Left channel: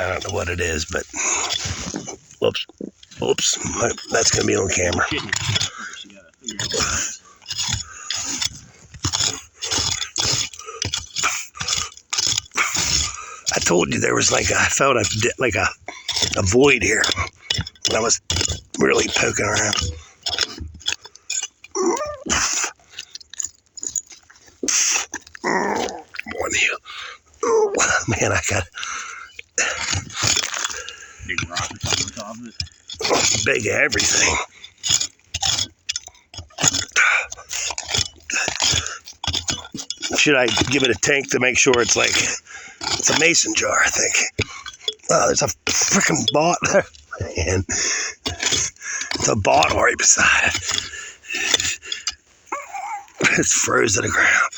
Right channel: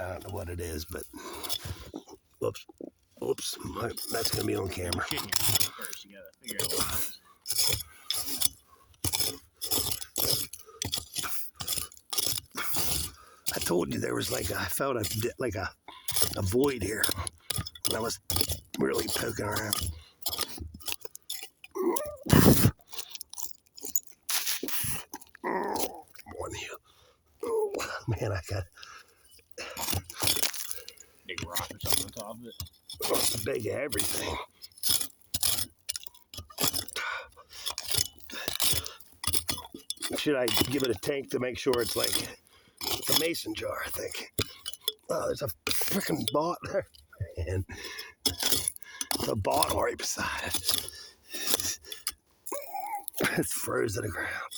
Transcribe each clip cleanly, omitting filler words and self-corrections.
I don't know what it is, but whoops. That's gonna be on camera. I told you there was I felt a void here. I was really poking around. More than you. Oh, man, I got big rock or something on top of it. Big everything. Should I give it a tank to make sure it's it's a mason jar, I think. Oh, there's a freaking bot there. Man, it's a bot right beside it. It's froze to the ground.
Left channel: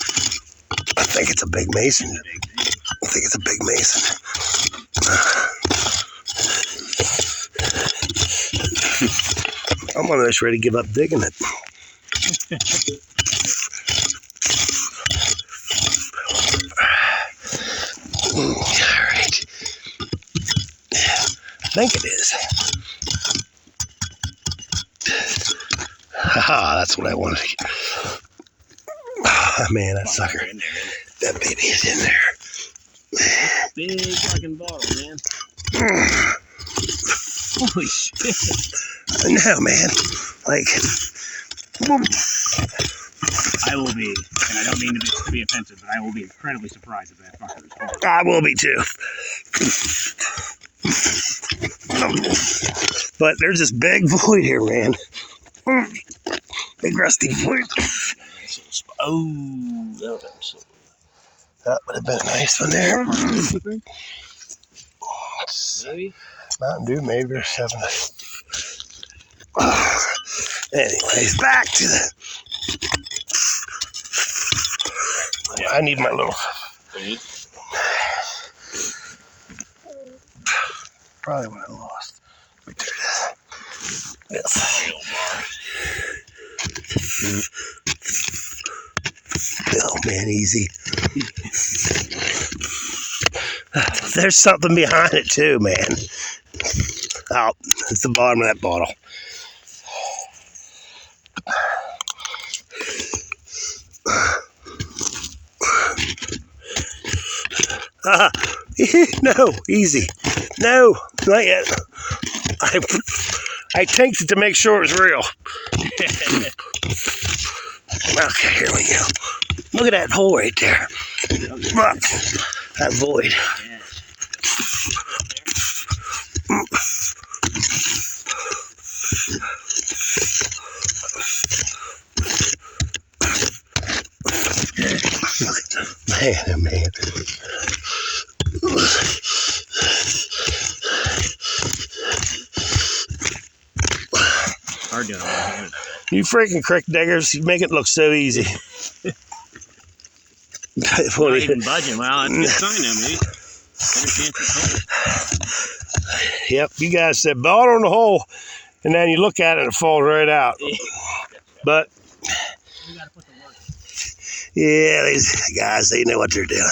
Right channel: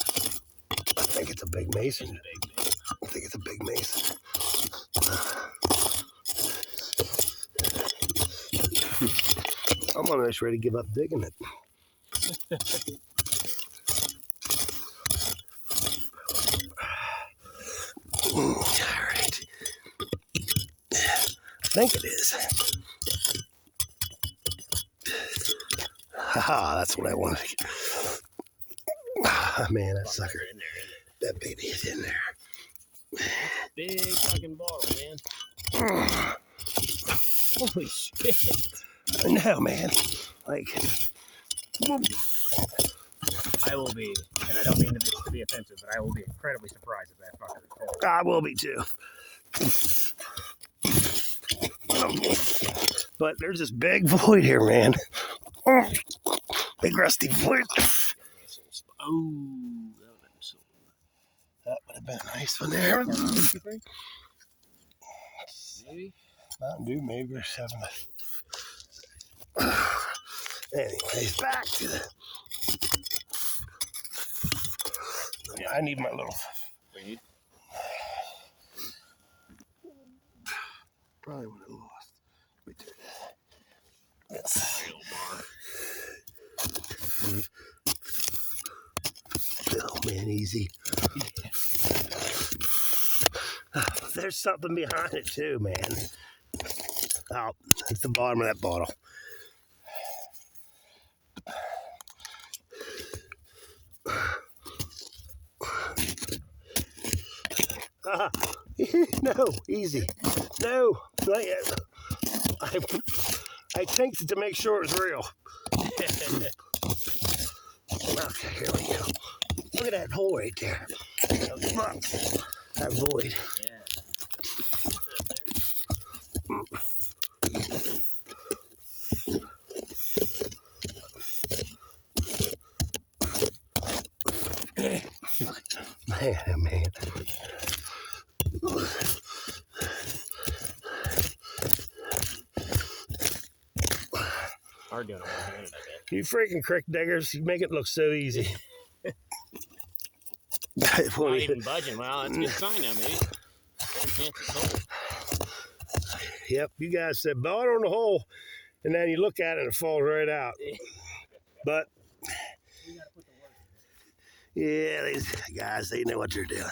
I think it's a big mason. I think it's a big mason. I'm almost ready to give up digging it. Alright. I think it is. Haha, that's what I wanted. Oh, man, that sucker. That baby is in there. Big fucking bottle, man. Holy shit. I know, man. I will be, and I don't mean to be offensive, but I will be incredibly surprised if that fucker is full. I will be too. But there's this big void here, man. Big rusty void. Oh, that would have been a nice one there. Maybe? Mountain Dew, maybe, or 7. Anyways, back to the... I need my little... Probably what I lost. Wait, there it is. Yes. Oh, man, easy. There's something behind it, too, man. Oh, it's the bottom of that bottle. No, easy. No, not yet. I tanked it to make sure it was real. Okay, here we go. Look at that hole right there. Look, that void. Man, oh man. Hard doing it. You freaking crick diggers, you make it look so easy. Not even budging. Well, that's a good sign now, maybe. Better chance of hole. Yep, you guys said ball on the hole, and then you look at it and it falls right out. But yeah, these guys, they know what they're doing.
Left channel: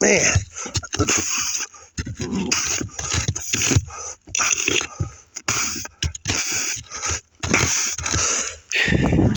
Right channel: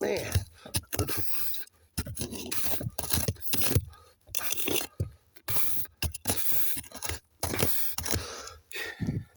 Man,